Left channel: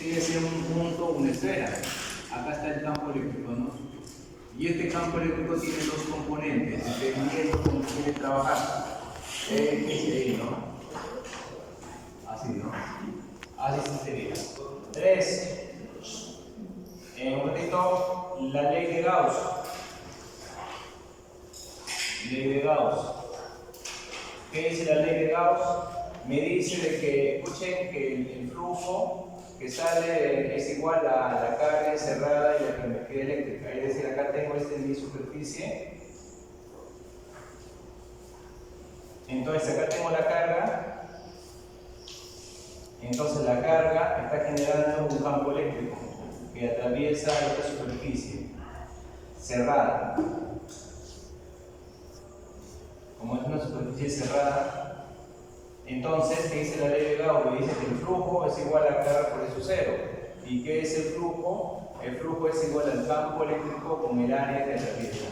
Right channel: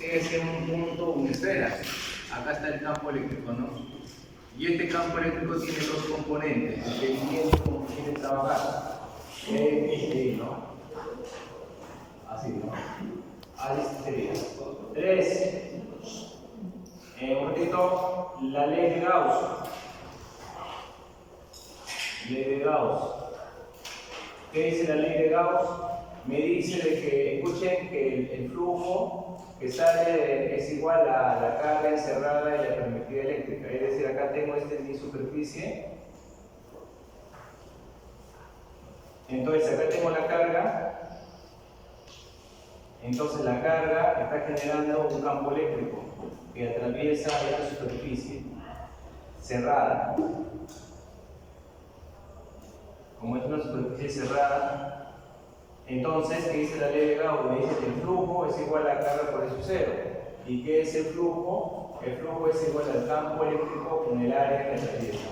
sigue siendo un punto, una esfera. Acá está el campo eléctrico, ¿no? Y este campo eléctrico tiene dos componentes, dependiendo cómo quiere trabajar. Y, ¿no? Así, ¿no? Así sería. 3. Un poquito, la ley de Gauss. Ley de Gauss. ¿Qué dice la ley de Gauss? Me dice de que, escuchen, que el flujo que sale es igual a la carga encerrada y la permitida eléctrica. Es decir, acá tengo mi superficie. Entonces acá tengo la carga. Entonces la carga está generando un campo eléctrico que atraviesa esta superficie cerrada. Como es una superficie cerrada, entonces, ¿qué dice la ley de Gauss? Me dice que el flujo es igual a carga por eso cero. ¿Y qué es el flujo? El flujo es igual al campo eléctrico con el área que atraviesa.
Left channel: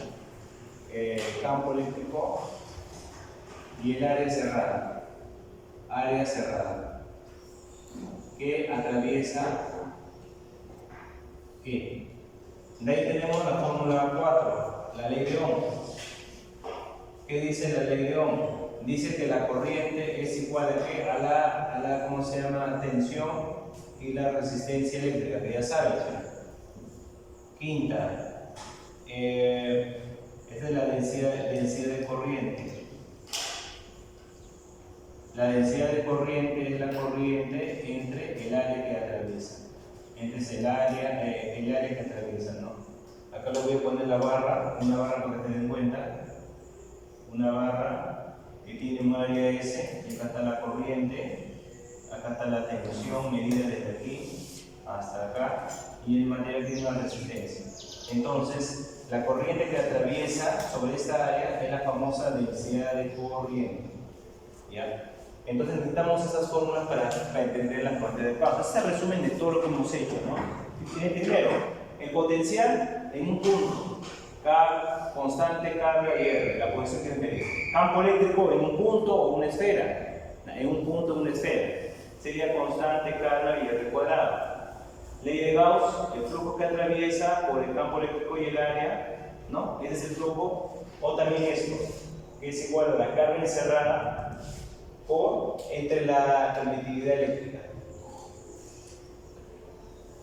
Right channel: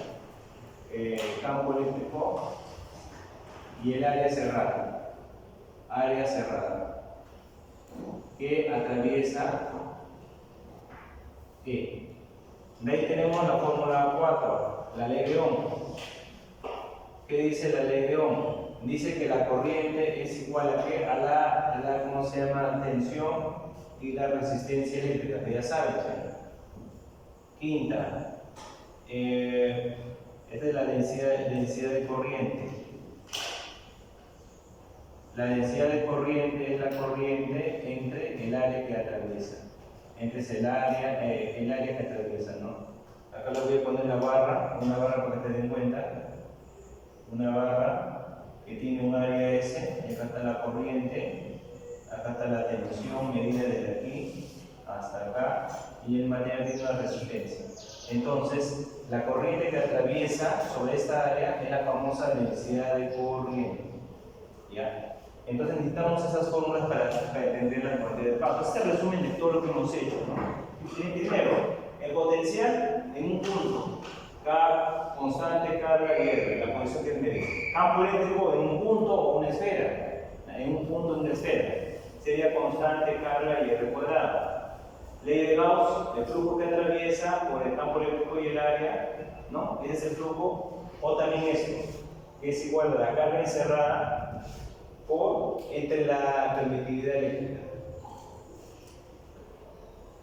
El campo eléctrico y el área cerrada. Área cerrada. Que atraviesa ¿qué? De ahí tenemos la fórmula 4, la ley de Ohm. ¿Qué dice la ley de Ohm? Dice que la corriente es igual a ¿qué? A la ¿cómo se llama? Tensión y la resistencia eléctrica, que ya sabes. Quinta, esta es la densidad de corriente. La densidad de corriente es la corriente entre el área que atraviesa. Entre el área que atraviesa, ¿no? Acá le voy a poner la barra, una barra para que te den cuenta. Una barra que tiene un área S, y acá está la corriente, acá está la tensión medida desde aquí hasta acá, y el material tiene una resistencia. Entonces, la corriente que atraviesa sobre esta área es la famosa densidad de corriente. ¿Ya? Entonces necesitamos esas fórmulas para entender la corriente de paso. Este es el resumen de todo lo que hemos hecho, ¿no? Primero, el potencial en un punto. Constante, carga y R, la posición que medir. Campo eléctrico en un punto o una esfera. En un punto o una esfera. Sería constante, carga y R cuadrado. Ley de Gauss, el flujo que atraviesa por el campo eléctrico y el área, ¿no? Ese es el flujo. O también esto, que es igual a la carga encerrada por entre la permitividad eléctrica.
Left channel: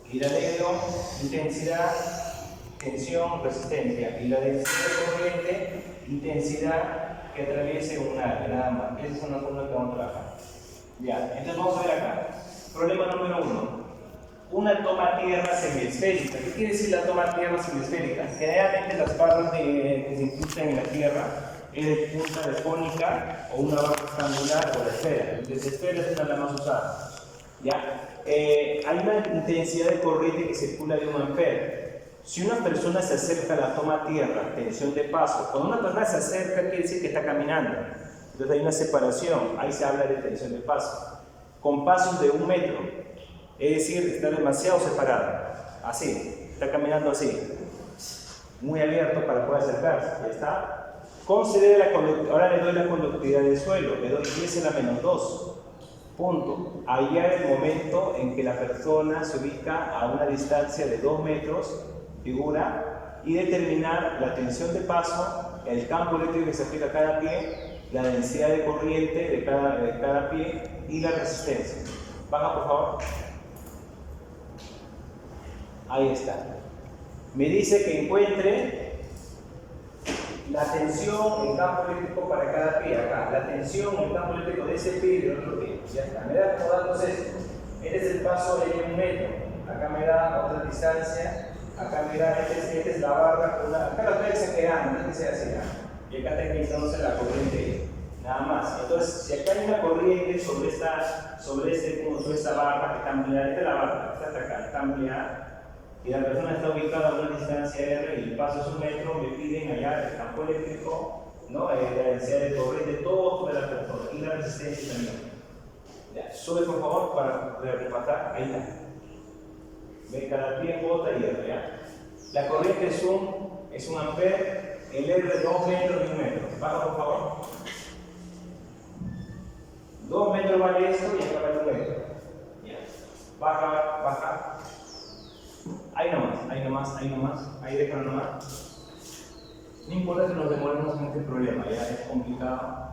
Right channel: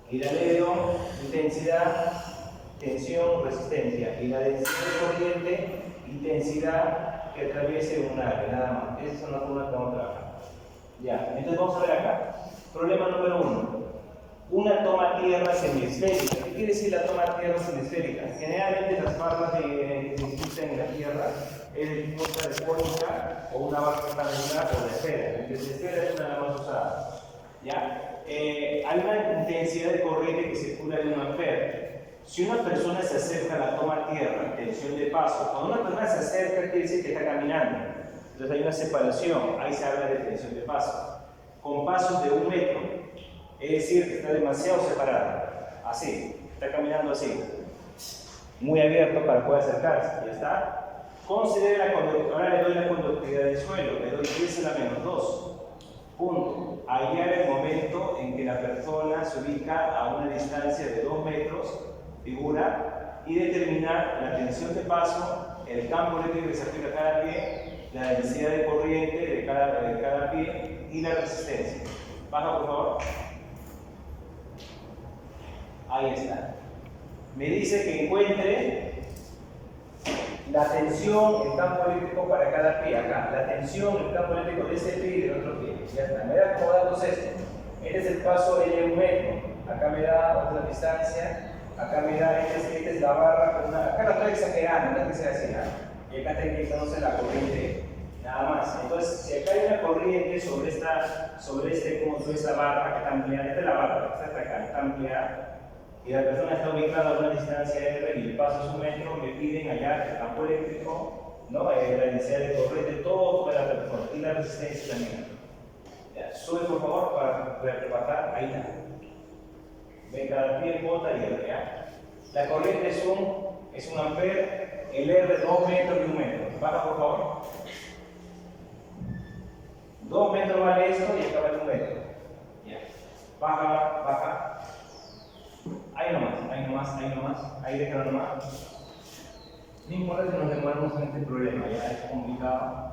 Y la ley de Ohm, intensidad, tensión, resistencia, y la densidad de corriente, intensidad que atraviese un área, nada más. Esas son las fórmulas que vamos a trabajar. Ya, entonces vamos a ver acá. Problema número 1. Una toma tierra semiesférica. ¿Qué quiere decir la toma tierra semiesférica? Generalmente las barras que se incrustan en la tierra es de punta de cónica o una barra rectangular o de esfera. El de esfera es una de las más usadas. ¿Ya? Hay una intensidad de corriente que circula de 1 ampere. Si una persona se acerca a la toma tierra, tensión de paso, cuando una persona se acerca quiere decir que está caminando. Entonces hay una separación, ahí se habla de tensión de paso. Con pasos de 1 metro, es decir, que está demasiado separado. Así, está caminando así. Muy abierto para poder acercarse, ya está. Considere la conductividad, ahora le doy la conductividad del suelo, le doy 10 a la menos 2. Punto. Hallar el momento en que la persona se ubica a una distancia de 2 metros, figura, y determinar la tensión de paso, el campo eléctrico que se aplica a cada pie, la densidad de corriente de cada pie y la resistencia. Baja, por favor. Ahí está. Me dice que encuentre la tensión, el campo eléctrico para cada pie, acá. La tensión, el campo eléctrico de ese pie y del otro pie. Ya está. Me da como datos esto. Este es el paso de 1 metro. Acá me da otra distancia. Acá me da, esta es la barra. Acá lo estoy exagerando, no es que sea así. Y acá tengo entonces la corriente. Nada más. Entonces, si acá hay una corriente sobre esta barra que está ampliada, esta es la barra, esta está acá, está ampliada. Y la persona está ubicada a una distancia R y el paso es 1 metro, me piden hallar el campo eléctrico, ¿no? La densidad de corriente, todo sobre la persona y la resistencia también. Ya, sube por favor para repasar, ahí está. Ve cada pie, bota y R, ¿ya? La corriente es 1 ampere, el R 2 metros y 1 metro. Baja por favor. 2 metros vale esto y acá vale 1 metro. Ya. baja, baja. Ahí nomás, ahí déjalo nomás. No importa que nos demoremos en este problema, ya es complicado.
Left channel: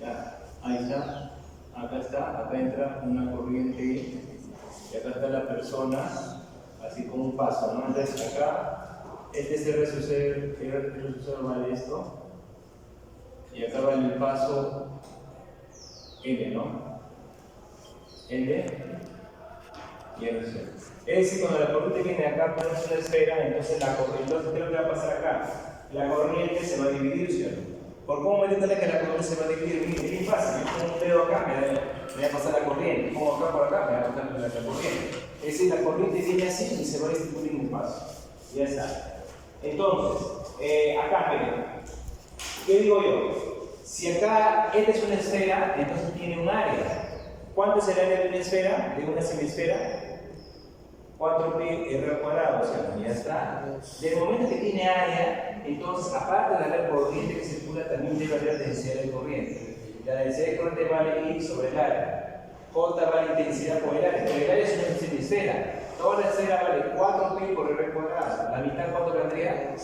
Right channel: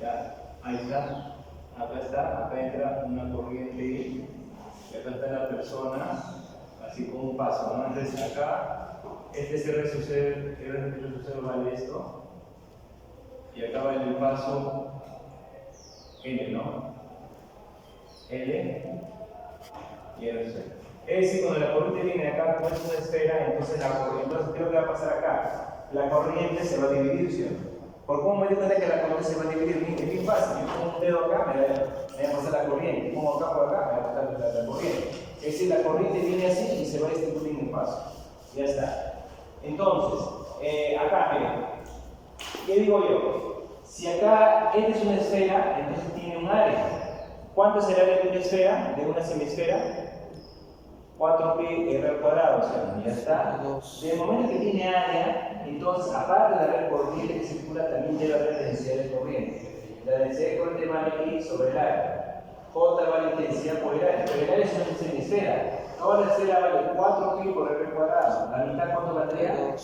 Ya, ahí está, acá entra una corriente y acá está la persona, así como un paso, ¿no? Entonces acá, este es R sub 0 vale esto, y acá vale el paso L, ¿no? L y R sub 0. Es decir, cuando la corriente viene acá, no es una esfera, entonces ¿qué es lo que va a pasar acá? La corriente se va a dividir, ¿cierto? ¿Por cómo me doy cuenta que la corriente se va a dividir? Es bien fácil. Yo pongo un dedo acá, me va a pasar la corriente. Pongo acá por acá, me va a pasar la corriente. Es decir, la corriente viene así y se va a distribuir en un paso. Ya está. Entonces, acá, miren. ¿Qué digo yo? Si acá esta es una esfera, entonces tiene un área. ¿Cuánto es el área de una esfera? De una semisfera. 4pi r al cuadrado, o sea, ya está. Desde el momento que tiene área, entonces, aparte de haber corriente que circula, también debe haber densidad de corriente. La densidad de corriente vale I sobre el área. J vale intensidad por el área, pero el área es una semisfera. Toda la esfera vale 4pi por r cuadrado. ¿La mitad cuánto valdría?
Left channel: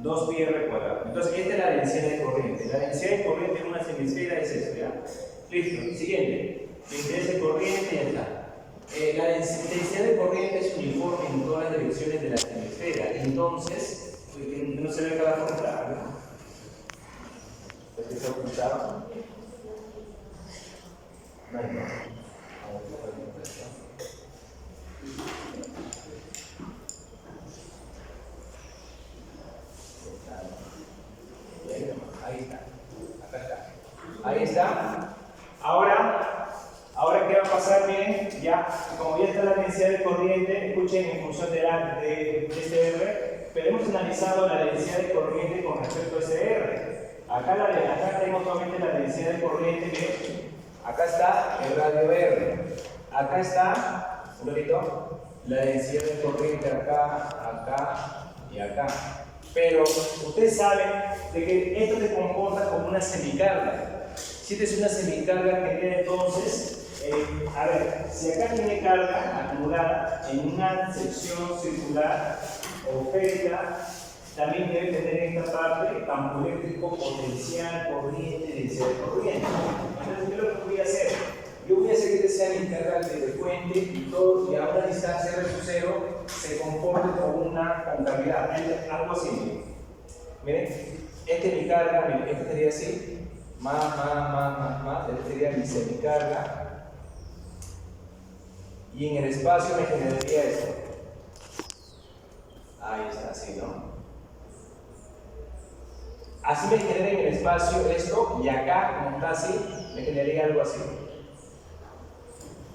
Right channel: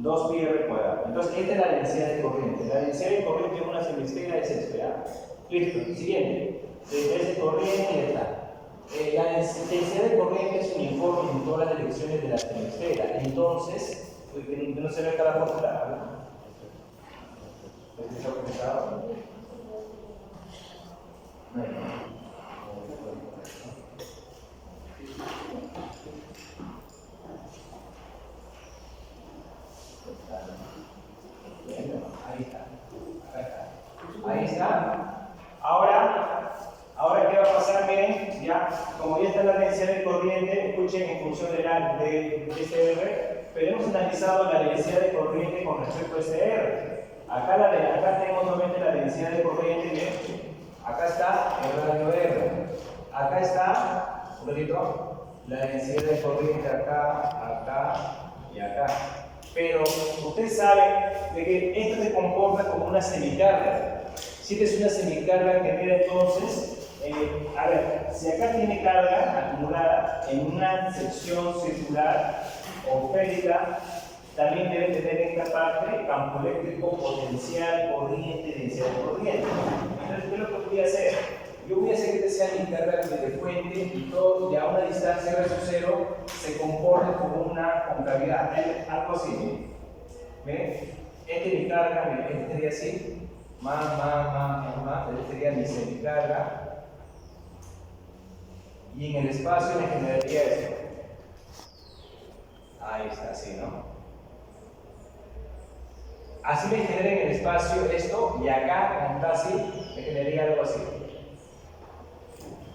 2pi r cuadrado. Entonces, esta es la densidad de corriente. La densidad de corriente de una semisfera es esto, ¿ya? Listo. Siguiente. Densidad de corriente, ya está. La densidad de corriente es uniforme en todas las direcciones de la semisfera. Entonces, que no se ve acá la fórmula, ¿no? ¿Está apuntado? Bueno, ahí está. Acá está. Ahí está. Ahora, ¿qué va a pasar? Miren, ya, como ya está la densidad de corriente, escuchen en función de este R, pero hemos analizado la densidad de corriente con respecto a ese R. Acá tengo nuevamente la densidad de corriente, miren, acá está el radio R. Acá está, un ratito, la densidad de corriente acá y acá. Pero ustedes saben de que esto se comporta como una semicarga. Si esta es una semicarga, genera entonces, a ver, si acá tiene carga acumulada en una sección circular o esférica, también debe tener en esta parte campo eléctrico, potencial, corriente, densidad de corriente. Entonces, ¿qué es lo que voy a hacer? Yo voy a hacer que sea mi carga de fuente y todo, y a una distancia R sub 0 se comporte como una concavidad, algo así. Miren, esta es mi carga, miren, este sería así, más, este sería mi semicarga. Y en el espacio me generaría esto. Ahí está, así, ¿no? Así me genera en el espacio esto, y acá, como está así, me generaría algo así.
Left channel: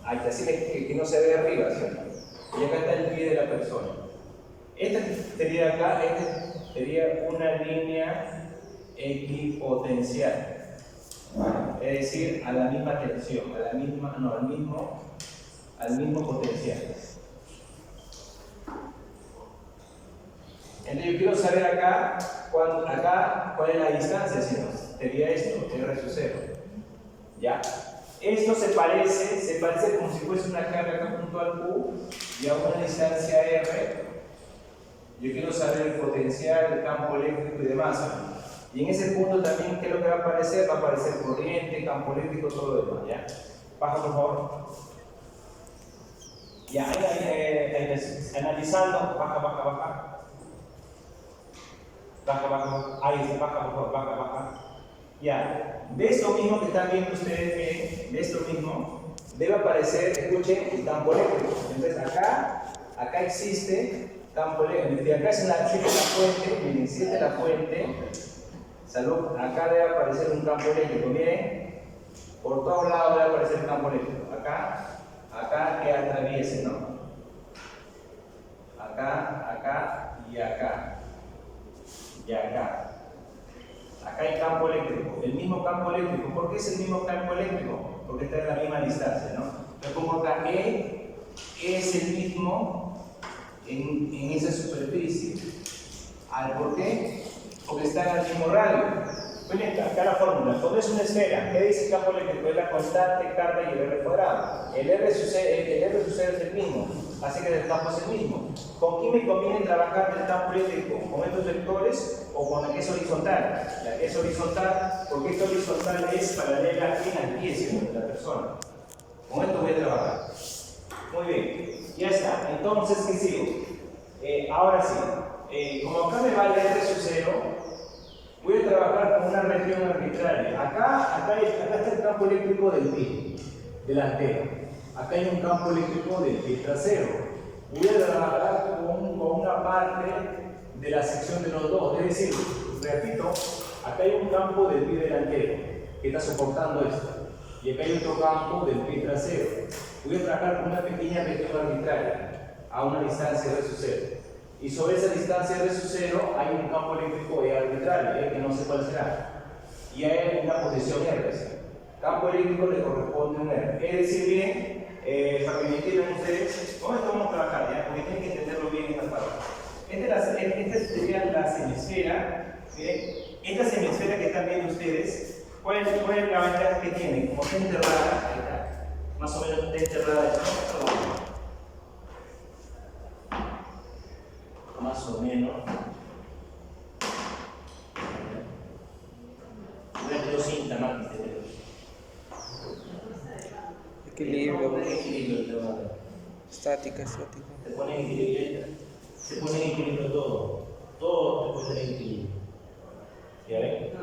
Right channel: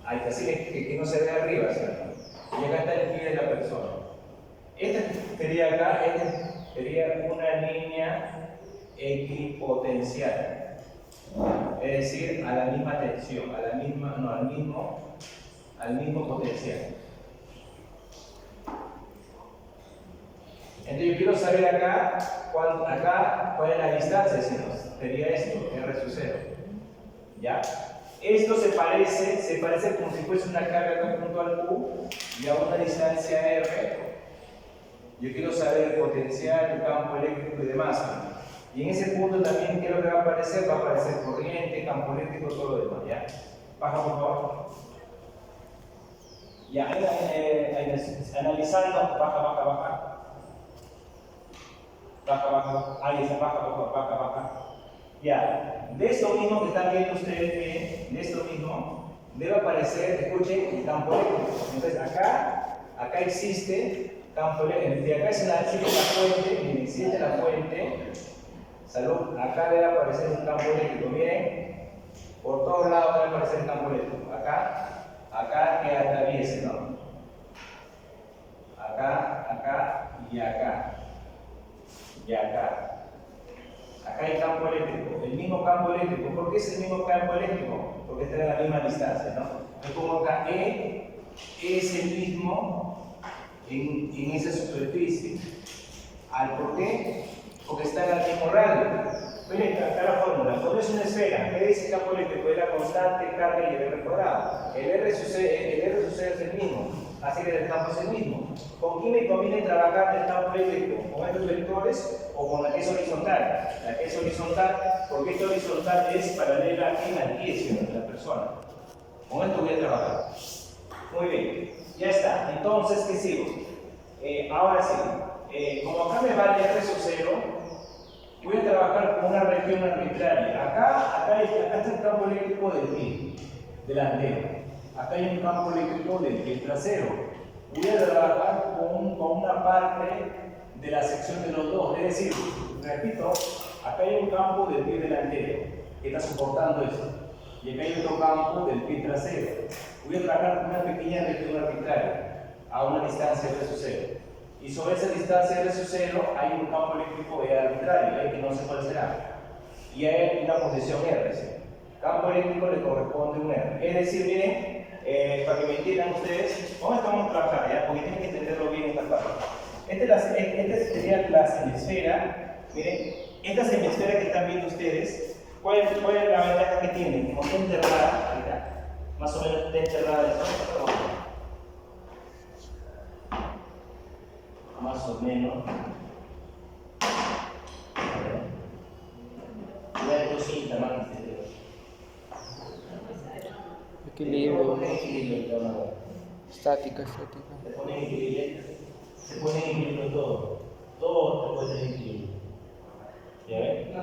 Ahí está, así que no se ve arriba, ¿cierto? Y acá está el pie de la persona. Esta sería acá, esta sería una línea equipotencial. Es decir, a la misma tensión, al mismo potencial. Entonces yo quiero saber acá cuál es la distancia, si no, sería esto, R sub 0. ¿Ya? Esto se parece como si fuese una carga acá junto al Q y a una distancia R. Yo quiero saber el potencial, el campo eléctrico y demás. Y en ese punto también, ¿qué es lo que va a aparecer? Va a aparecer corriente, campo eléctrico, todo lo demás. ¿Ya? Baja, por favor. Ya, analizando, baja. Ahí está, baja, por favor, baja. Ya, de esto mismo que están viendo ustedes, miren, de esto mismo, debe aparecer, escuchen, el campo eléctrico. Entonces acá existe campo eléctrico. De acá es la fuente, miren, existe la fuente. Salud, acá debe aparecer un campo eléctrico, miren, por todos lados debe aparecer un campo eléctrico. Acá que atraviese, ¿no? Acá y acá. Y acá. Acá hay campo eléctrico, el mismo campo eléctrico. ¿Por qué es el mismo campo eléctrico? Porque está en la misma distancia, ¿no? Yo pongo acá E es el mismo en esa superficie. ¿Por qué? Porque está en el mismo radio. Miren acá la fórmula. Cuando es una esfera, ¿qué dice el campo eléctrico? Es la constante, carga y el R cuadrado. El R sucede es el mismo, así que el campo es el mismo. ¿Con quién me conviene trabajar del campo eléctrico? ¿Con estos vectores o con la que es horizontal? La que es horizontal, porque esta horizontal es paralela al pie, ¿sí? De la persona. Con esto voy a trabajar. Muy bien, ya está. Entonces, ¿qué sigo? Ahora sí, como acá me vale R sub 0, voy a trabajar con una región arbitraria. Acá está el campo eléctrico del pie delantero. Acá hay un campo eléctrico del pie trasero. Voy a trabajar con una parte de la sección de los dos. Es decir, repito, acá hay un campo del pie delantero que está soportando esto. Y acá hay otro campo del pie trasero. Voy a trabajar con una pequeña región arbitraria a una distancia R sub 0. Y sobre esa distancia R sub 0 hay un campo eléctrico arbitrario, que no sé cuál será. Y hay una posición R. ¿Sí? Campo eléctrico le corresponde un R. Es decir, miren, para que me entiendan ustedes, ¿cómo vamos a trabajar? ¿Ya? Porque tienen que entenderlo bien esta parte. Esta sería la semisfera. Miren, esta semisfera que están viendo ustedes, ¿cuál es la ventaja que tiene? Como está enterrada, acá, más o menos está enterrada, más o menos. Voy a tener cinta más Equilibrio. Equilibrio, Estática. se pone en equilibrio todo. Todo te puede tener equilibrio. ¿Ya ven?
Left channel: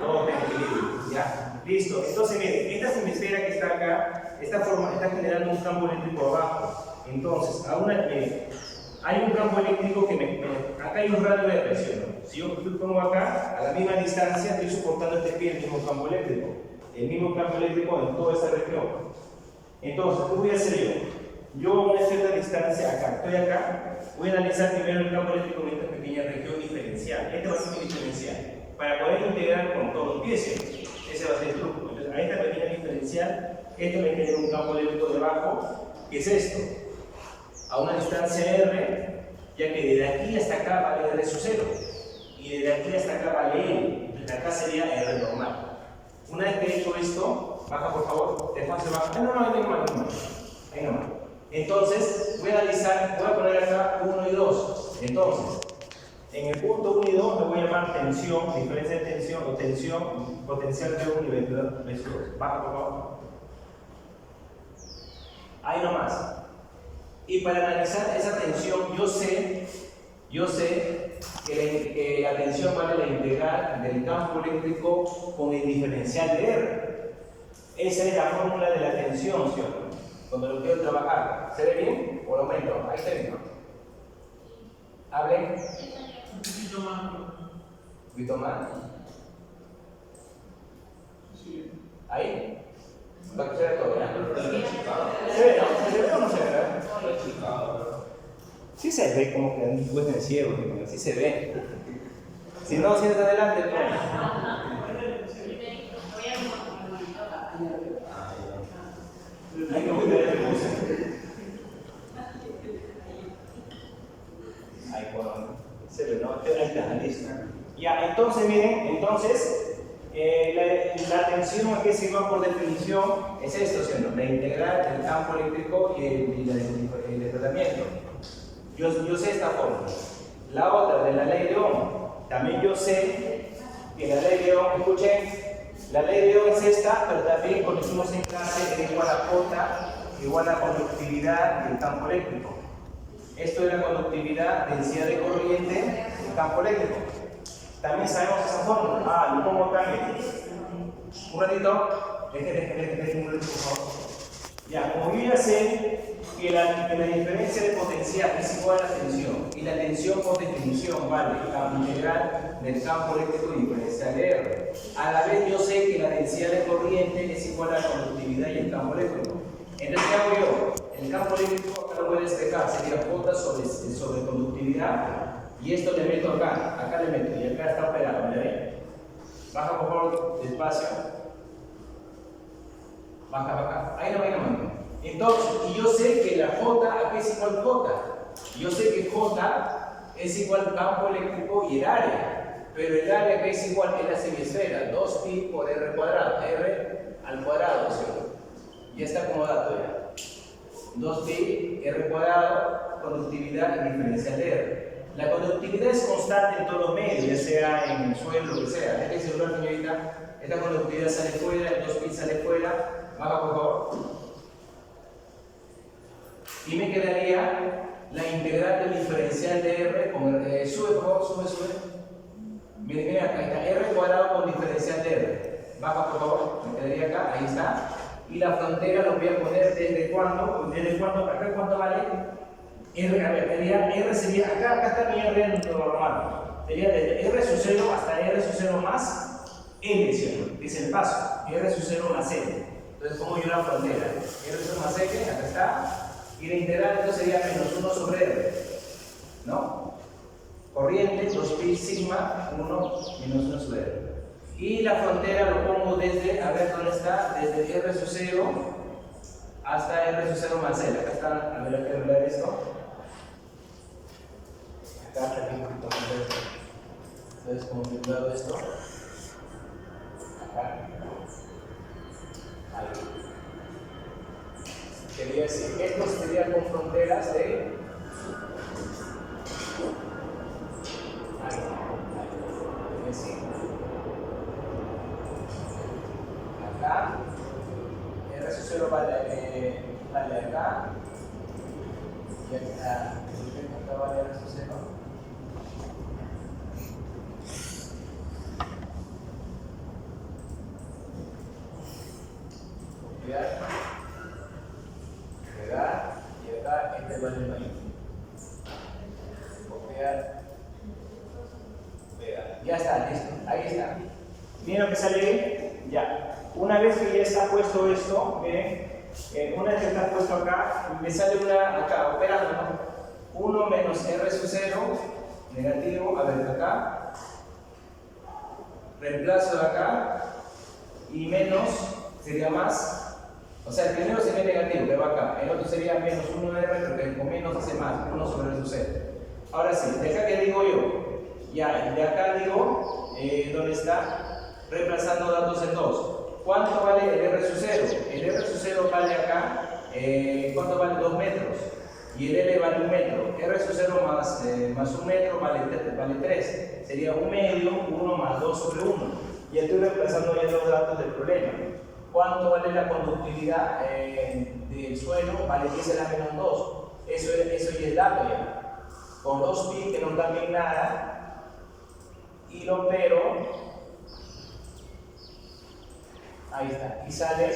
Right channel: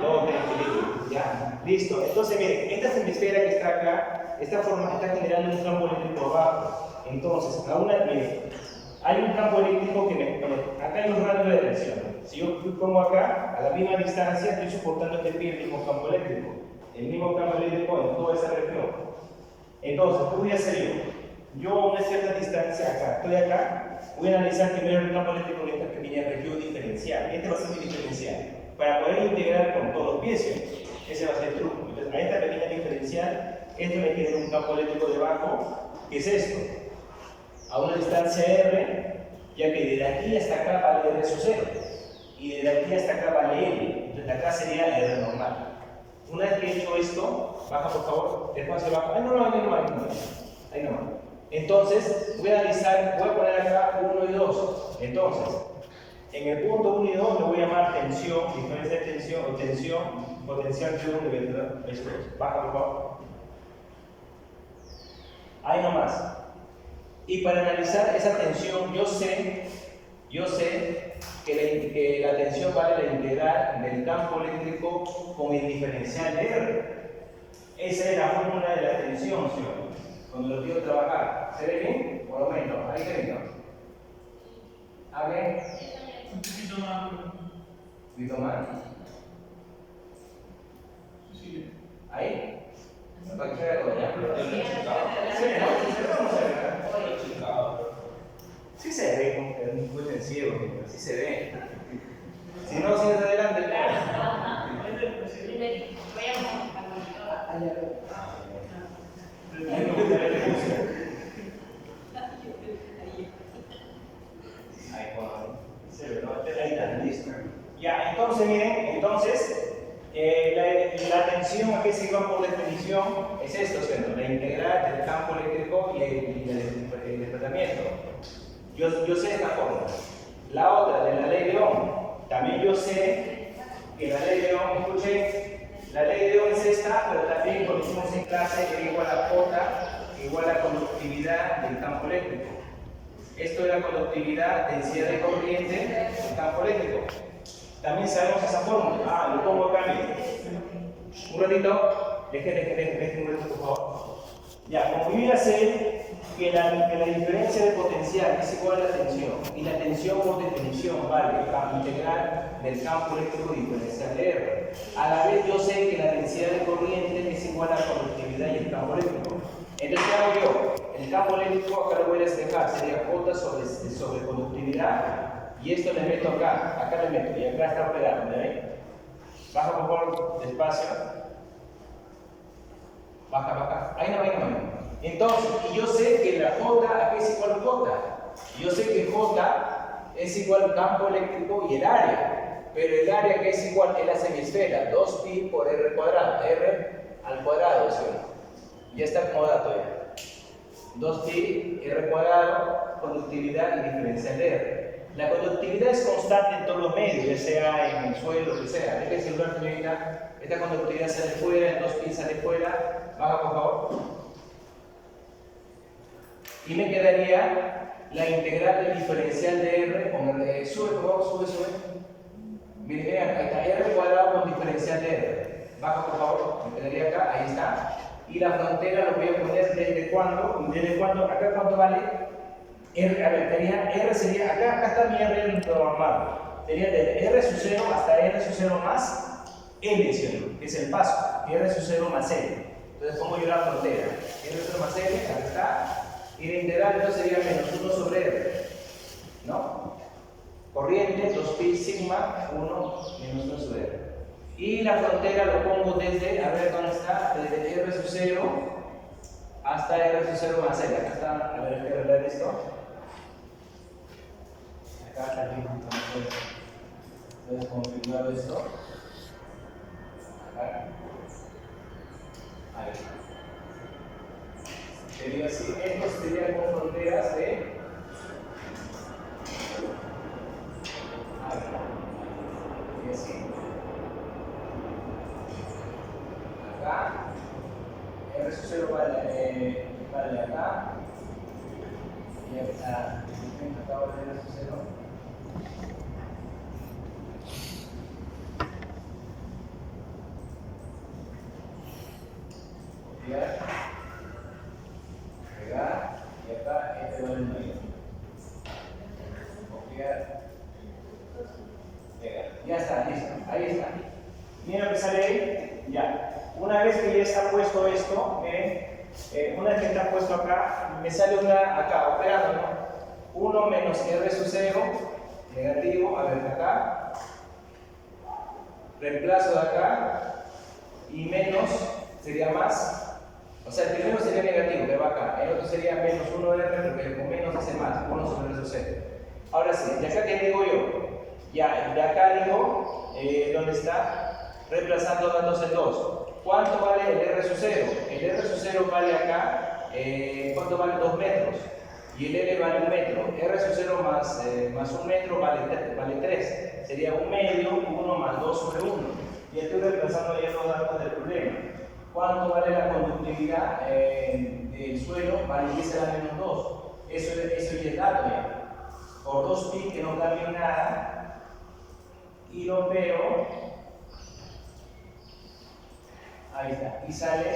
Todo tiene equilibrio. ¿Ya? Listo. Entonces, miren, esta semisfera que está acá, esta forma está generando un campo eléctrico abajo. Entonces, hay un campo eléctrico acá hay un radio de reacción. Si yo pongo acá, a la misma distancia, estoy soportando este pie, el mismo campo eléctrico. El mismo campo eléctrico en toda esa región. Entonces, ¿qué voy a hacer yo? Yo a una cierta distancia acá, estoy acá, voy a analizar primero el campo eléctrico en esta pequeña región diferencial. Este va a ser mi diferencial. Para poder integrar con todos los pies, ese va a ser el truco. Entonces, a esta pequeña diferencial, esto me genera un campo eléctrico debajo, que es esto. A una distancia R, ya que desde aquí hasta acá vale R sub 0 y desde aquí hasta acá vale L, desde acá sería R normal. Una vez que he hecho esto, baja por favor, después se baja, ahí nomás. Entonces voy a poner acá 1 y 2. Entonces, en el punto 1 y 2 le voy a llamar tensión, diferencia de tensión o tensión potencial de 1 y de 2. Baja por favor. Ahí nomás. Y para analizar esa tensión, yo sé que la tensión vale la integral del campo eléctrico con el diferencial de R. Esa es la fórmula de la tensión, ¿sí? Cuando lo quiero trabajar. ¿Se ve bien? Por lo menos, ahí se ve, ¿no? ¿Hablen? Un poquito más. Sí. ¿Ahí? Para que se vea todo, ¿ya? ¿Se ve, no? ¿Se ve o no se ve? Sí se ve como que después de ciego, sí se ve. Si no, si está adelante, voy ya, entonces miren, la tensión aquí es igual por definición, es esto, ¿sí? La integral del campo eléctrico y el desplazamiento. Yo sé esta fórmula. La otra de la ley de Ohm, también yo sé que la ley de Ohm, escuchen, la ley de Ohm es esta, pero también cuando hicimos en clase era igual a J, igual a conductividad del campo eléctrico. Esto es la conductividad, densidad de corriente del campo eléctrico. También sabemos esa fórmula. Lo pongo acá. Un ratito. Dejen un ratito, por favor. Ya, como yo ya sé que la diferencia de potencial es igual a la tensión, y la tensión por definición vale el campo integral del campo eléctrico diferencial de R. A la vez yo sé que la densidad de corriente es igual a la conductividad y el campo eléctrico. Entonces, ¿qué hago yo? El campo eléctrico acá lo voy a despejar, sería J sobre conductividad, y esto le meto acá le meto, y acá está operado, ¿ven? Baja por favor, despacio. Baja. Ahí no. Entonces, y yo sé que la J aquí es igual a J. Yo sé que J es igual al campo eléctrico y el área. pero el área que es igual es la semisfera, 2pi por r cuadrado, r al cuadrado, ¿sí? Ya está acomodado ya. 2pi r cuadrado, conductividad y diferencial de r. La conductividad es constante en todos los medios, ya sea en el suelo, lo que sea. Deje el celular, señorita. Esta conductividad sale fuera, el 2pi sale fuera. Baja, por favor. Y me quedaría la integral del diferencial de r con r. Sube, por favor, sube. Miren, ahí está, r cuadrado con diferencial de r. Baja, por favor, me quedaría acá, ahí está. Y la frontera lo voy a poner desde cuándo, y desde cuándo, acá cuánto vale. R, a ver, tenía R sería, acá está mi R normal. Sería desde R sub 0 hasta R sub 0 más L, ¿sí? Que es el paso. R sub 0 más L. Entonces pongo yo la frontera. R sub 0 más L, acá está. Y la integral entonces sería menos 1 sobre R. ¿No? Corriente, 2pi sigma, 1 menos 1 sobre R. Y la frontera lo pongo desde, a ver dónde está, desde R sub 0 hasta R sub 0 más L. Acá está, a ver, hay que arreglar esto. Acá está bien configurado esto. Entonces, configurado esto. Acá. Ahí. Sería así. Esto sería con fronteras de. Ahí. Y así. Acá. R sub 0 vale acá. Y acá vale R sub 0. Copiar, pegar, y acá este vale el mismo. Copiar, pegar. Ya está, listo. Ahí está. Miren lo que sale ahí. Ya. Una vez que ya está puesto esto, miren, una vez que está puesto acá, me sale una acá, operando, ¿no? 1 menos R sub 0, negativo, a ver, acá. Reemplazo de acá, y menos sería más. O sea, el primero sería negativo, que va acá. El otro sería menos 1R, porque con menos hace más, 1 sobre R sub 0. Ahora sí, de acá, ¿qué digo yo? Ya, de acá digo, ¿dónde está? Reemplazando datos en 2. ¿Cuánto vale el R sub 0? El R sub 0 vale acá, ¿cuánto vale? 2 metros. Y el L vale 1 metro. R sub 0 más 1 metro vale 3. Sería 1 medio, 1 más 2 sobre 1. Y estoy reemplazando ya los datos del problema. ¿Cuánto vale la conductividad del suelo? Vale 10 a la menos 2. Eso ya es dado ya. Por 2pi, que no cambie nada. Y lo opero. Ahí está. Y sale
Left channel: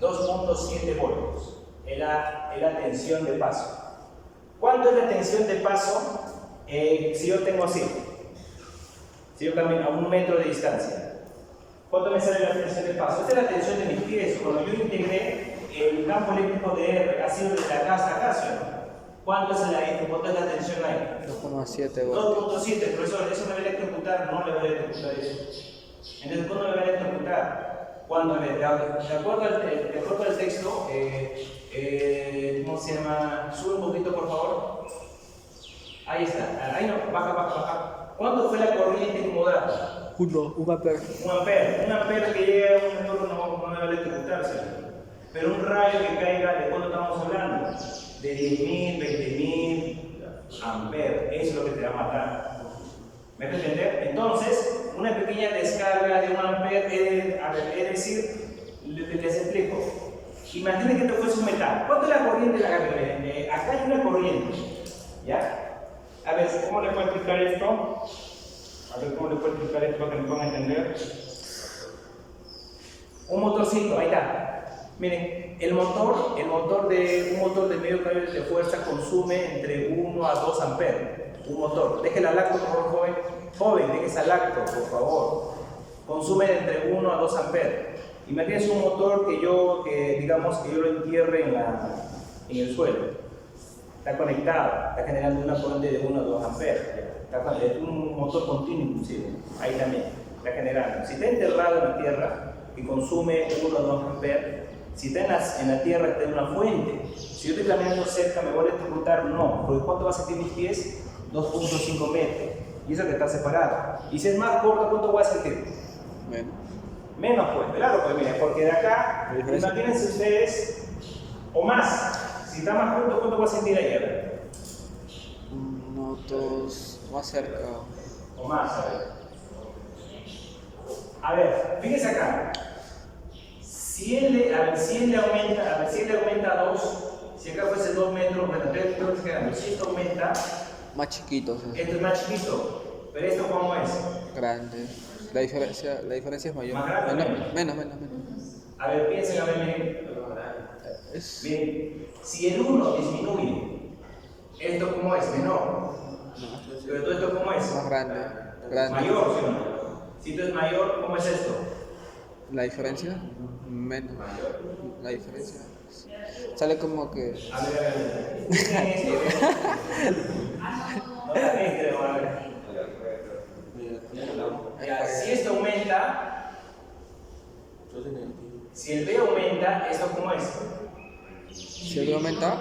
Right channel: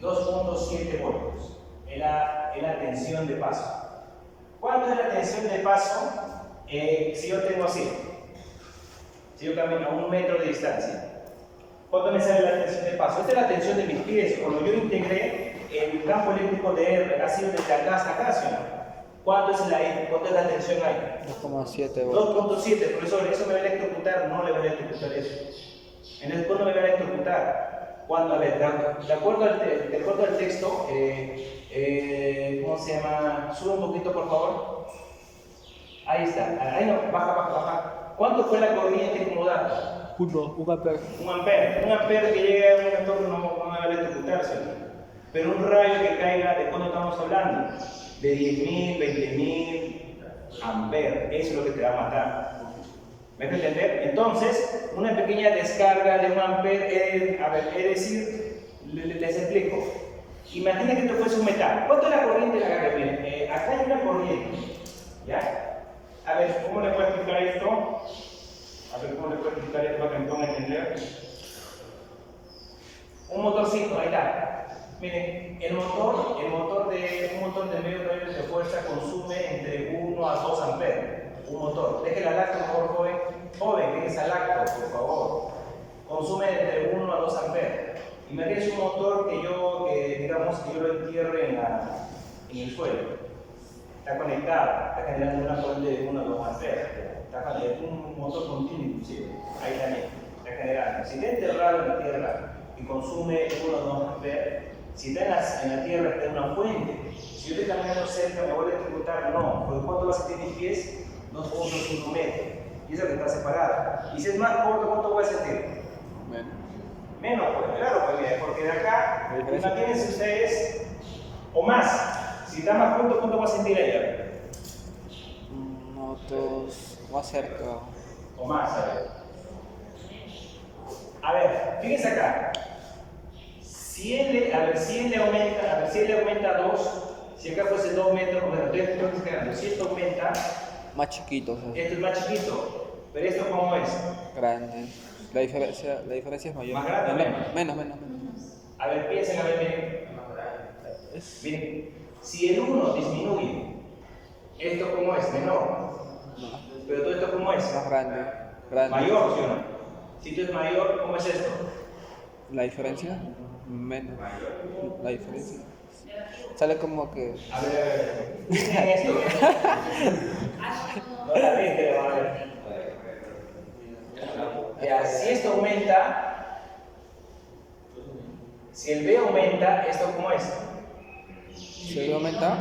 2.7 voltios. Es la tensión de paso. ¿Cuánto es la tensión de paso si yo tengo así? Si yo camino a 1 metro de distancia. ¿Cuánto me sale la tensión de paso? Esta es la tensión de mis pies. Cuando yo integré el campo eléctrico de R, ha sido desde acá hasta acá, ¿sí? ¿Cuánto es la tensión ahí? 2,7 voltios. 2.7, profesor, ¿eso me va a electrocutar? No le va a electrocutar eso. En el fondo me va a electrocutar. Cuando, a ver, de acuerdo al texto, ¿cómo se llama? Sube un poquito, por favor. Ahí está. Ahí no, baja. ¿Cuánto fue la corriente como dato? 1 ampere. 1 ampere. 1 ampere que llega a un entorno no me va a electrocutarse. Pero un rayo que caiga, ¿de cuándo estamos hablando? De 10.000, 20.000 amperes. Eso es lo que te va a matar. ¿Me puedes entender? Entonces, una pequeña descarga de 1 ampere, es decir, les explico. Imagina que esto fuese un metal. ¿Cuánto es la corriente de la carga? Acá hay una corriente. ¿Ya? A ver, ¿cómo le puedo explicar esto? A ver, ¿cómo le puedo explicar esto para que me puedan entender? Un motorcito, ahí está. Miren, un motor de medio carga de fuerza consume entre 1 a 2 amperes. Un motor. Déjela al acto, por favor, joven, déjese al acto, por favor. Consume entre 1 a 2 amperes. Imagínense un motor que yo lo entierre en el suelo. Está conectado, está generando una corriente de 1 a 2 amperes. Es un motor continuo inclusive. Ahí también está generando. Si está enterrado en la tierra y consume 1 a 2 amperes, si está en la tierra está en una fuente. Si yo estoy caminando cerca, ¿me voy a electrocutar? No. ¿Por cuánto va a sentir mis pies? 2.5 metros. y eso que está separado. Y si es más corto, ¿cuánto voy a sentir? Menos. Menos, pues, claro, pues mira, porque de acá, ¿La diferencia? imagínense ustedes, o más, si está más junto, ¿cuánto voy a sentir ahí? A ver. Notos más cerca. O más, a ver. A ver, fíjense acá. Si él le aumenta 2, si acá fuese 2 metros, bueno, tengo que quedando. Si esto aumenta, Más chiquitos. esto es más chiquito, pero esto ¿cómo es? Grande. La diferencia es mayor. ¿Más grande o Menos. A ver, piensen, a ver, miren. Es Bien, si el 1 disminuye, ¿esto cómo es? Menor. Pero todo esto ¿cómo es? más grande. Mayor, ¿sí o no? Si esto es mayor, ¿cómo es esto? La diferencia, menos. La diferencia sale como que. A ver. Miren esto. No también creo, a ver. Ya, si esto aumenta, si el B aumenta, ¿esto cómo es? Si el aumenta,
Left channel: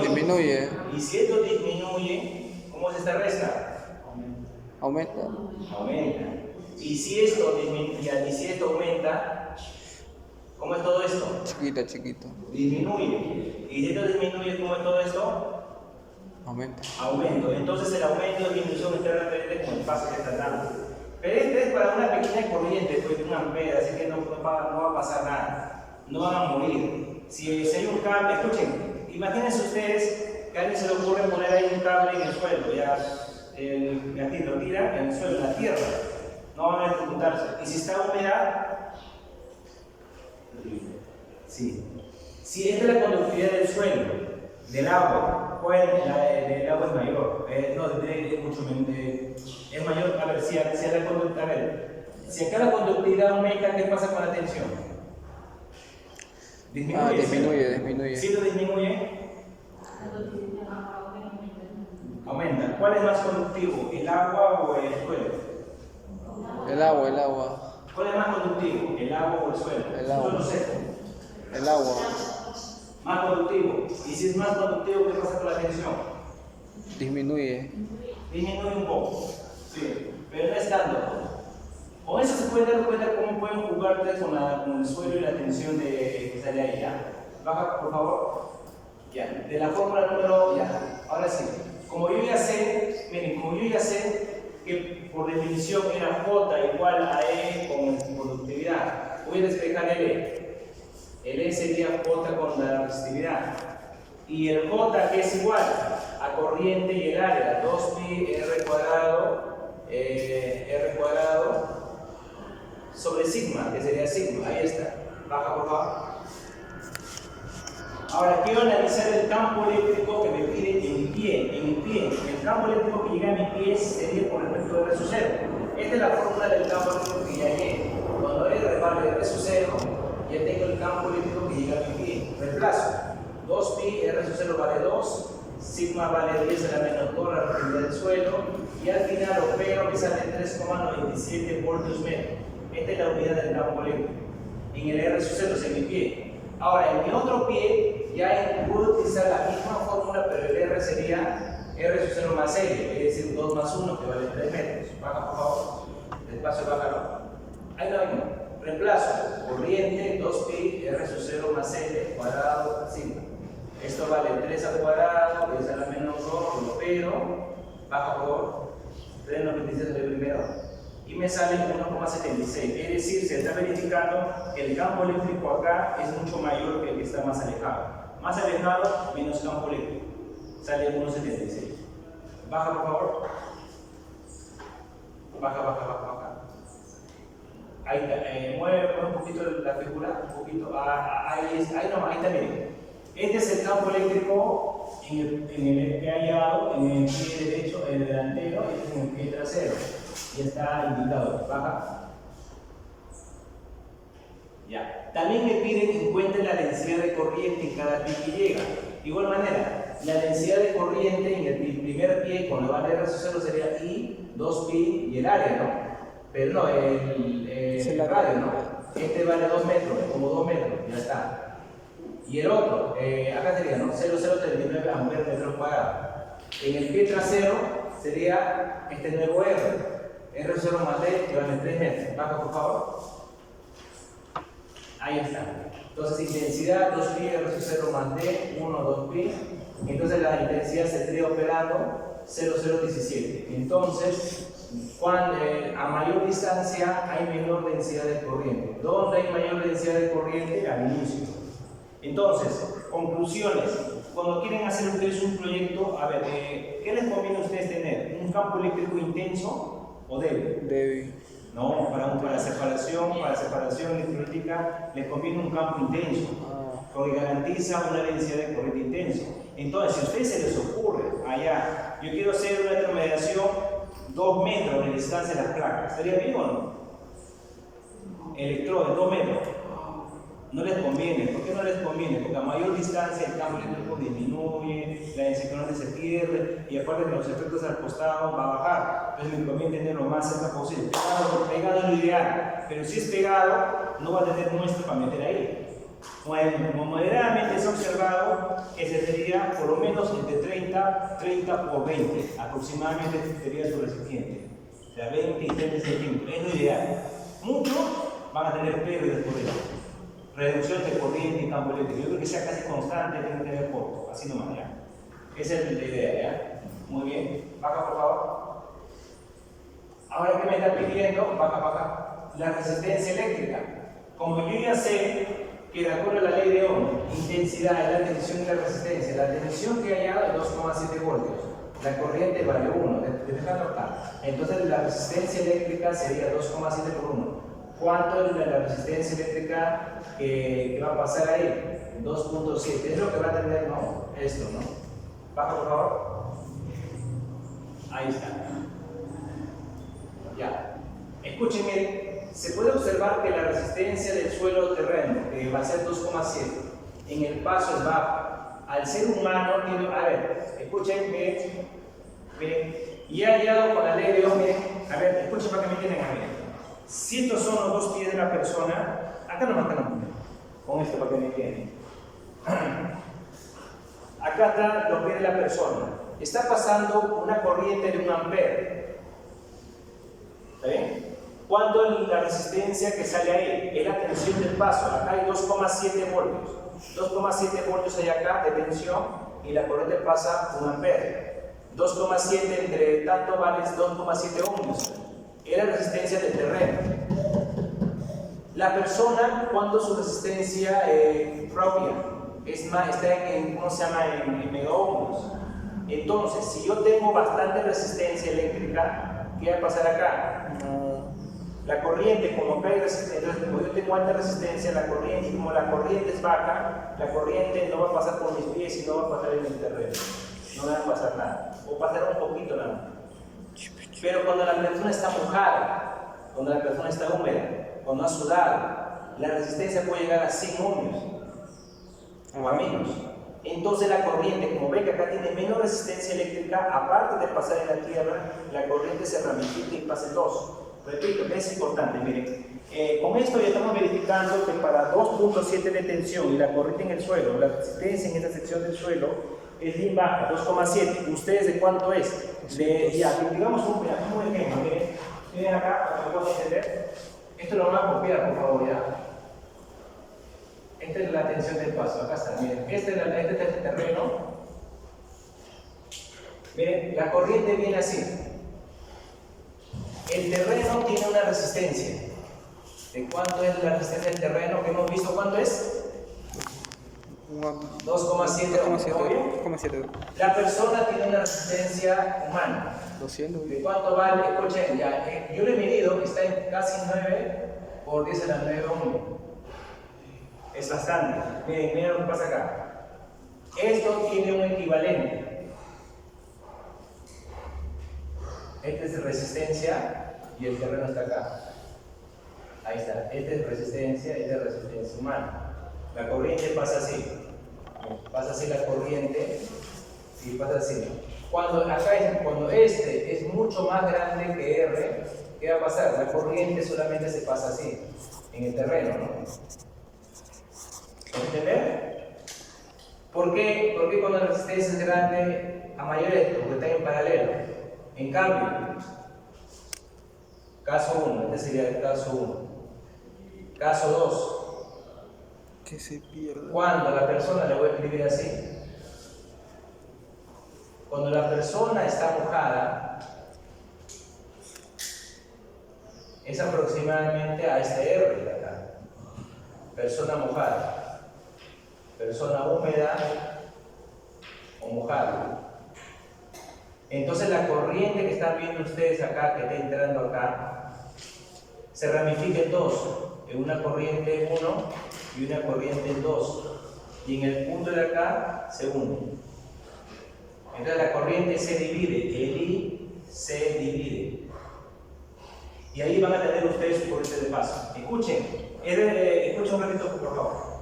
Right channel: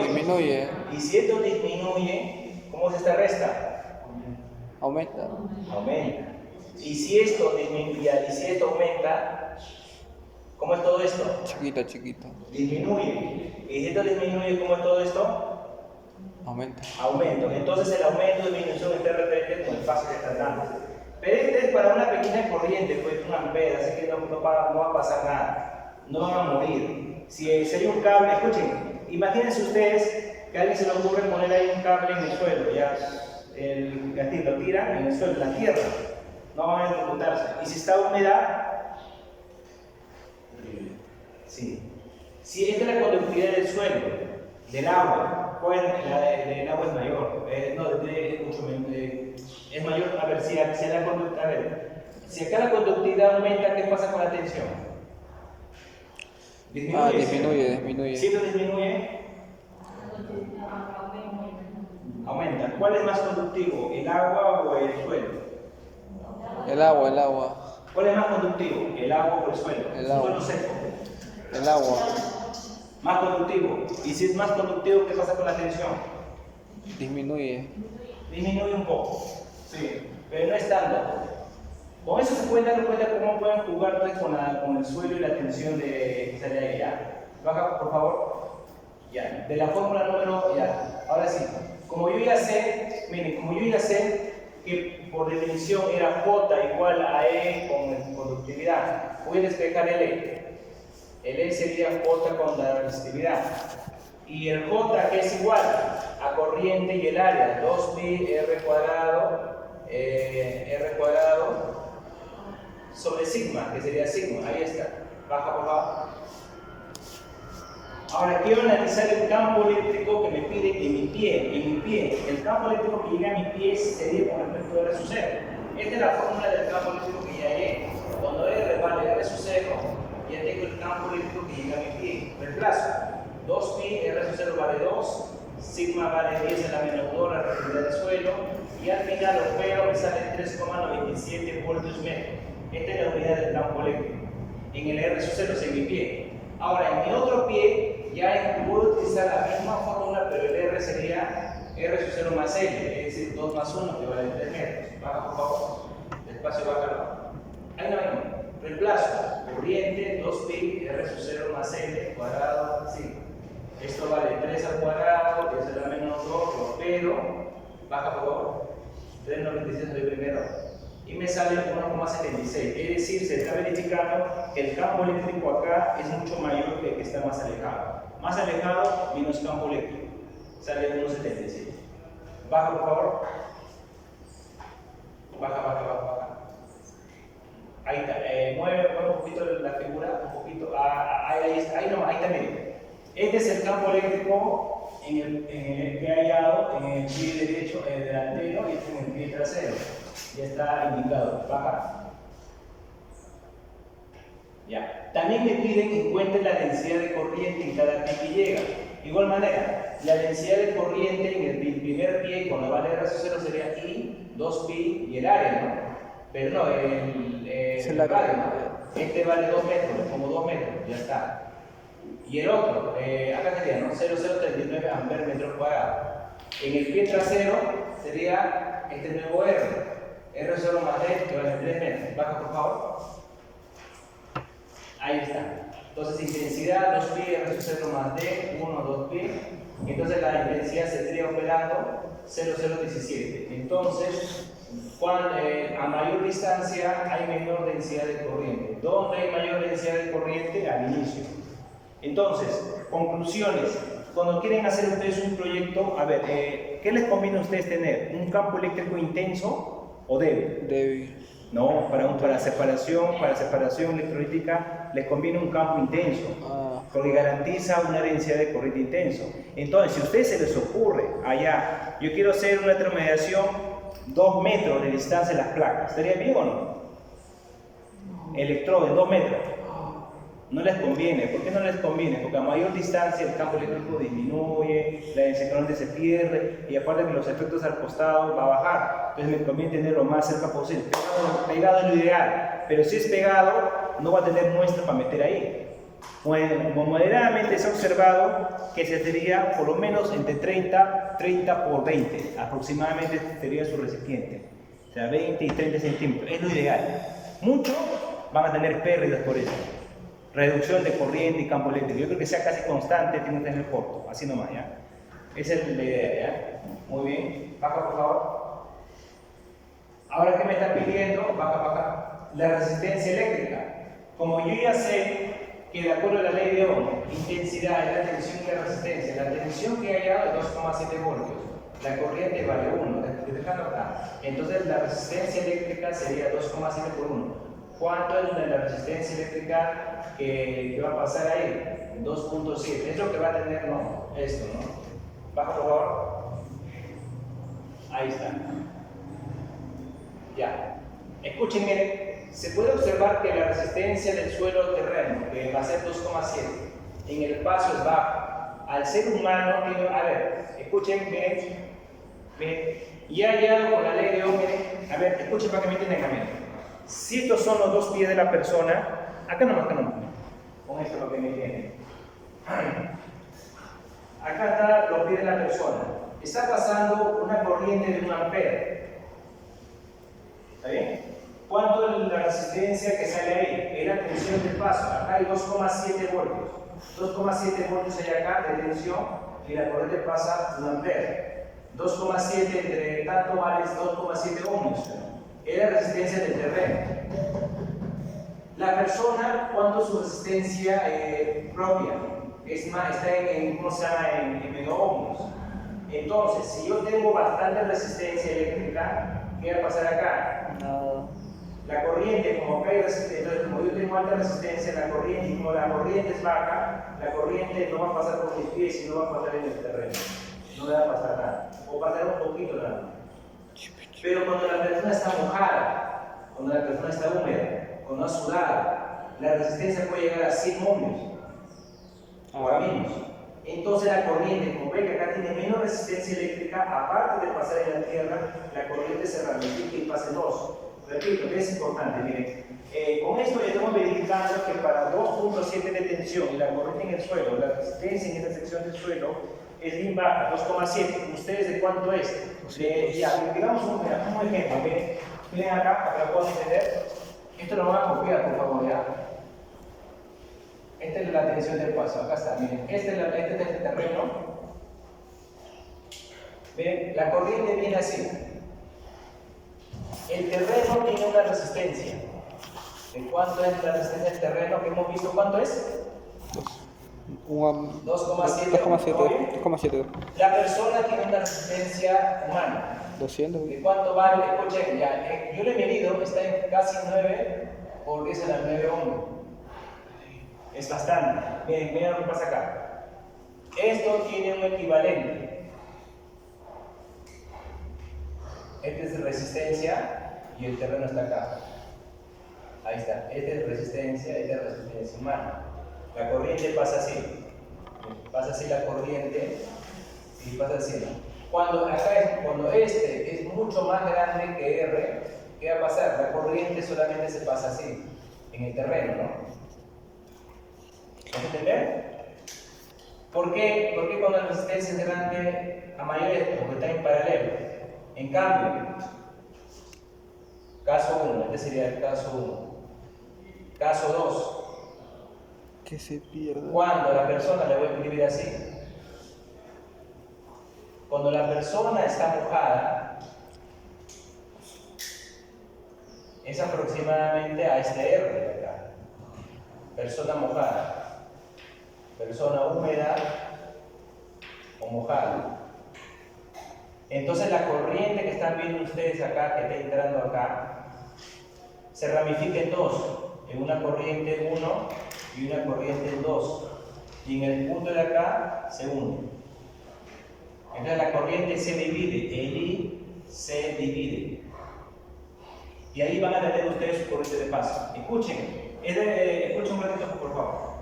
disminuye. Y si esto disminuye, ¿cómo es esta resta? Aumenta. Aumenta. Y si esto disminuye, y si esto aumenta, ¿cómo es todo esto? Chiquito. Disminuye. Y si esto disminuye, ¿cómo es todo esto? Aumenta. Aumento. Entonces el aumento y disminución está referente con el paso que está dando. Pero este es para una pequeña corriente, pues un ampere, así que no va a pasar nada. No van a morir. Si hay un cable, escuchen, imagínense ustedes que a alguien se le ocurre poner ahí un cable en el suelo, ya el gatito lo tira en el suelo, en la tierra, no van a electrocutarse. Y si está húmeda, sí. Si esta es la conductividad del suelo, del agua, pues el agua es mayor, es mucho es mayor. A ver, si acá la conductividad aumenta, ¿qué pasa con la tensión? Disminuye. Si esto disminuye, aumenta. ¿Cuál es más conductivo, el agua o el suelo? El agua. ¿Cuál es más conductivo, el agua o el suelo? El agua. Suelo seco. El agua. Más conductivo. Y si es más conductivo, ¿qué pasa con la tensión? Disminuye. Disminuye un poco. Sí, pero no es tanto. Con eso se pueden dar cuenta cómo pueden jugar con el suelo y la tensión que sale ahí. ¿Ya? Baja, por favor. Ya. De la fórmula número. Ya. Ahora sí. Como yo ya sé que por definición era J igual a E con conductividad, voy a despejar el E. El E sería J con la resistividad. Y el J, que es igual a corriente y el área, 2pi R cuadrado sobre sigma, que sería sigma. Ahí está. Baja, por favor. Ahora quiero analizar el campo eléctrico que me pide en mi pie. El campo eléctrico que llega a mi pie sería con respecto a R sub 0. Esta es la fórmula del campo eléctrico que ya llegué. Cuando R vale R sub 0, ya tengo el campo eléctrico que llega a mi pie. Reemplazo. 2pi, R sub 0 vale 2, sigma vale 10 a la menos 2, la relatividad del suelo, y al final lo pego, me sale 3,97 voltios metro. Esta es la unidad del campo eléctrico. En el R sub 0 en mi pie. Ahora, en mi otro pie, ya puedo utilizar la misma fórmula, pero el R sería R sub 0 más L, es decir, 2 más 1, que vale 3 metros. Baja, por favor. Despacio, bájalo. Ahí no. Reemplazo. Corriente, 2pi, R sub 0 más L, cuadrado, sigma. Esto vale 3 al cuadrado, 10 a la menos 2, pero, baja, por favor. 3,97 el primero. Y me sale 1,76. Es decir, se está verificando que el campo eléctrico acá es mucho mayor que el que está más alejado. Más alejado, menos campo eléctrico. Sale 1,76. Baja, por favor. Baja. Ahí está. Mueve un poquito la figura, un poquito. Ahí está, miren. Este es el campo eléctrico en el que hay hallado en el pie derecho, el delantero, y este en el pie trasero. Ya está indicado. Baja. Ya. También me piden que encuentre la densidad de corriente en cada pie que llega. De igual manera, la densidad de corriente en el primer pie, cuando vale R sub 0, sería I, 2pi y el área, ¿no? Pero no, el radio, ¿no? Este vale 2 metros, como 2 metros, ya está. Y el otro, acá sería, ¿no? 0,039 amperes metros cuadrados. En el pie trasero sería este nuevo R. R0 más D que vale 3 metros. Baja, por favor. Ahí está. Entonces, intensidad 2pi R0 más D, 1, 2pi. Entonces, la intensidad se estaría operando 0,017. Entonces, cuando, a mayor distancia hay menor densidad de corriente. ¿Dónde hay mayor densidad de corriente? Al inicio. Entonces, conclusiones. Cuando quieren hacer ustedes un proyecto, a ver, ¿qué les conviene a ustedes tener? ¿Un campo eléctrico intenso o débil? Débil. No, para separación electrolítica les conviene un campo intenso, porque garantiza una densidad de corriente intenso. Entonces, si a ustedes se les ocurre allá, yo quiero hacer una termomediación 2 metros de distancia de las placas, ¿estaría bien o no? Electrodo de 2 metros. No les conviene. ¿Por qué no les conviene? Porque a mayor distancia el campo eléctrico disminuye, la densidad de corriente se pierde y aparte que los efectos al costado va a bajar. Entonces me conviene tenerlo más cerca posible. Pegado es lo ideal, pero si es pegado no va a tener muestra para meter ahí. Como moderadamente se ha observado que se sería por lo menos entre 30 por 20 aproximadamente sería su recipiente. O sea, 20 y 30 centímetros. Es lo ideal. Muchos van a tener pérdidas por eso. Reducción de corriente y campo eléctrico. Yo creo que sea casi constante, tiene que tener poco, así nomás, ¿ya? Esa es la idea, ¿ya? Muy bien. Baja, por favor. Ahora, ¿qué me está pidiendo? Baja. La resistencia eléctrica. Como yo ya sé que de acuerdo a la ley de Ohm, intensidad es la tensión y la resistencia. La tensión que hay es 2,7 voltios. La corriente vale 1, dejando acá. Entonces, la resistencia eléctrica sería 2,7 por 1. ¿Cuánto es la resistencia eléctrica que va a pasar ahí? 2,7. Es lo que va a tener, ¿no? Esto, ¿no? Baja, por favor. Ahí está. Ya. Escuchen, miren. Se puede observar que la resistencia del suelo terreno, que va a ser 2,7, en el paso es baja. Al ser humano tiene... A ver, escuchen, miren. Y ha hallado con la ley de Ohm, miren. A ver, escuchen para que me entiendan a mí. Si estos son los 2 pies de la persona, acá no, con esto para que me entiendan. Acá están los pies de la persona. Está pasando una corriente de 1 ampere. ¿Está bien? ¿Cuánto es la resistencia que sale ahí? Es la tensión del paso. Acá hay 2,7 voltios. 2,7 voltios hay acá de tensión y la corriente pasa 1 ampere. 2,7 entre tanto vale 2,7 ohms. Es la resistencia del terreno. La persona, ¿cuánto es su resistencia propia? Está en, ¿cómo se llama? En megaohms. Entonces, si yo tengo bastante resistencia eléctrica, ¿qué va a pasar acá? Nada. La corriente, como acá hay resistencia, entonces como yo tengo alta resistencia, la corriente, y como la corriente es baja, la corriente no va a pasar por mis pies y no va a pasar en el terreno. No le va a pasar nada. O pasar un poquito nada más. Pero cuando la persona está mojada, cuando la persona está húmeda, cuando ha sudado, la resistencia puede llegar a 100 ohmios o a menos. Entonces la corriente, como ven que acá tiene menos resistencia eléctrica, aparte de pasar en la tierra, la corriente se ramifica y pasa en 2. Repito, es importante, miren. Con esto ya estamos verificando que para 2,7 de tensión y la corriente en el suelo, la resistencia en esta sección del suelo es bien baja, 2,7. ¿Ustedes de cuánto es? Ya, digamos un ejemplo. Miren acá, para que puedan entender. Esto lo van a copiar, por favor, ya. Esta es la tensión del paso, acá está, miren. Este es el terreno. Miren, la corriente viene así. El terreno tiene una resistencia. ¿De cuánto es la resistencia del terreno que hemos visto? ¿Cuánto es? 2,7. La persona tiene una resistencia humana. 200. ¿De cuánto vale? Escuchen, ya, yo lo he medido, está en casi 9 por 10 a la 9 ohms. Es bastante. Miren lo que pasa acá. Esto tiene un equivalente. Esta es resistencia y el terreno está acá. Ahí está. Esta es resistencia humana. La corriente pasa así. Pasa así la corriente y pasa así, ¿no? Cuando este es mucho más grande que R, ¿qué va a pasar? La corriente solamente se pasa así, en el terreno, ¿no? ¿Entender? ¿Por qué cuando la resistencia es grande a mayor esto? Porque está en paralelo. En cambio, Caso 1, este sería el caso 1. Caso 2. Que se pierda. Cuando la persona, le voy a escribir así, cuando la persona está mojada, es aproximadamente a este R de acá. Persona mojada, persona húmeda o mojada. Entonces la corriente que están viendo ustedes acá, que está entrando acá, se ramifica en dos, en una corriente 1 y una corriente 2, y en el punto de acá se une. Entonces la corriente se divide, el I se divide, y ahí van a tener ustedes su corriente de paso. Escuchen, escuchen un ratito por favor.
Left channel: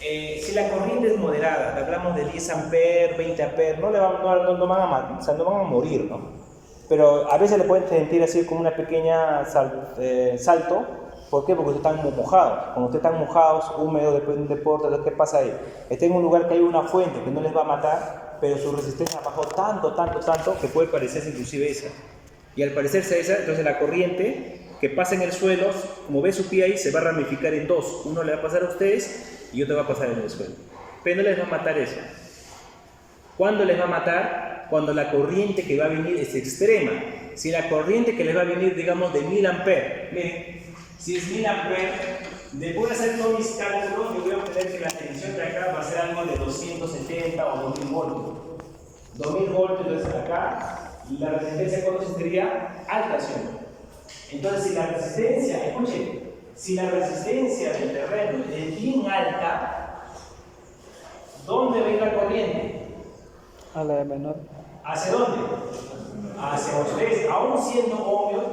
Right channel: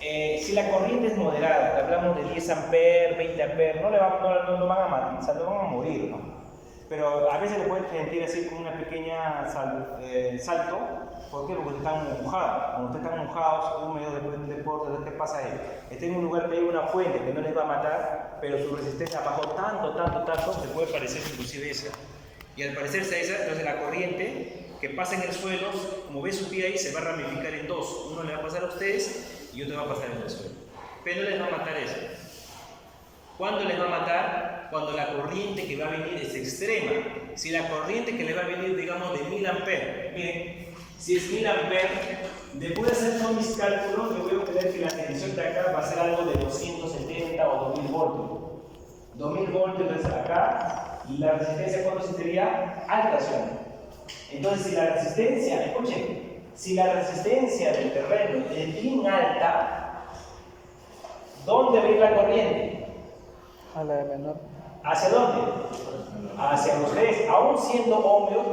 Si la corriente es moderada, hablamos de 10 amperes, 20 amperes, no van a morir, ¿no? Pero a veces le pueden sentir así como una pequeña salto. ¿Por qué? Porque ustedes están mojados. Cuando ustedes están mojados, húmedos, después de un deporte, ¿qué pasa ahí? Están en un lugar que hay una fuente que no les va a matar, pero su resistencia bajó tanto, que puede parecerse inclusive esa. Y al parecerse esa, entonces la corriente que pasa en el suelo, como ve su pie ahí, se va a ramificar en dos. Uno le va a pasar a ustedes y otro va a pasar en el suelo. Pero no les va a matar eso. ¿Cuándo les va a matar? Cuando la corriente que va a venir es extrema. Si la corriente que les va a venir, digamos, de 1000 amperes, miren, si es 1000 amperes, después de hacer todos mis cálculos, yo voy a obtener que la tensión de acá va a ser algo de 270 o 2000 voltios. 2000 voltios, entonces acá, la resistencia, ¿cuánto sería? Alta, ¿sí? Entonces, si la resistencia, escuchen, si la resistencia del terreno es bien alta, ¿dónde va a ir la corriente? A la de menor. ¿Hacia dónde? Hacia ustedes. Aún siendo ohmios,